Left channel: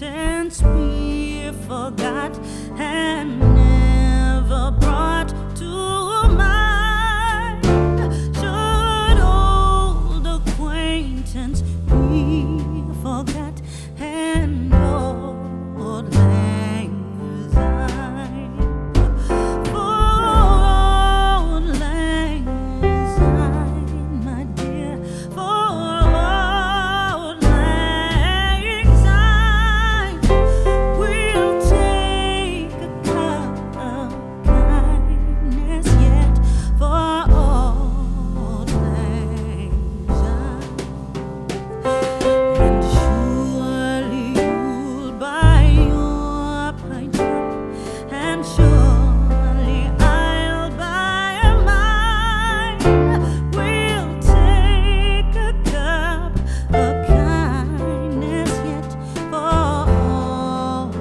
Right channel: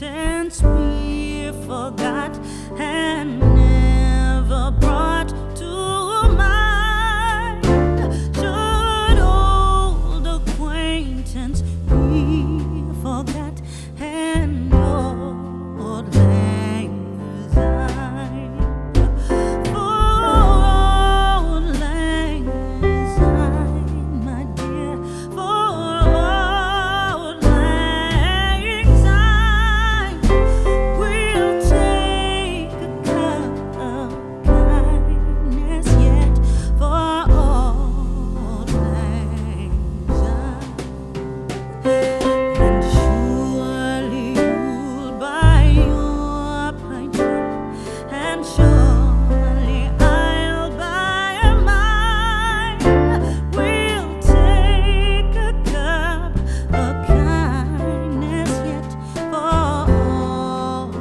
acquaintance be forgot and never brought to mind? Should old acquaintance be forgot and old lang syne? For old lang syne, my dear, for old lang syne, we'll take a cup of kindness yet for old lang syne. And surely you'll buy your pint cup, and surely I'll buy mine. We'll take a cup of kindness yet for old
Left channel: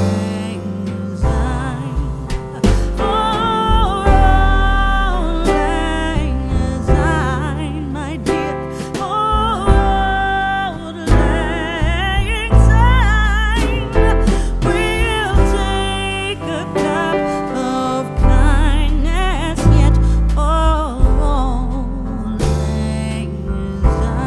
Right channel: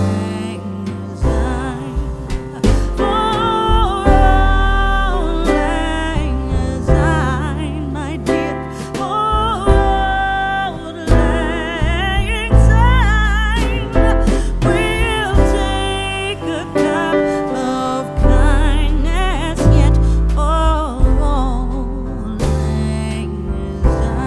lang syne. For old lang syne, my dear, for old lang syne, we'll take a cup of kindness yet for old lang syne.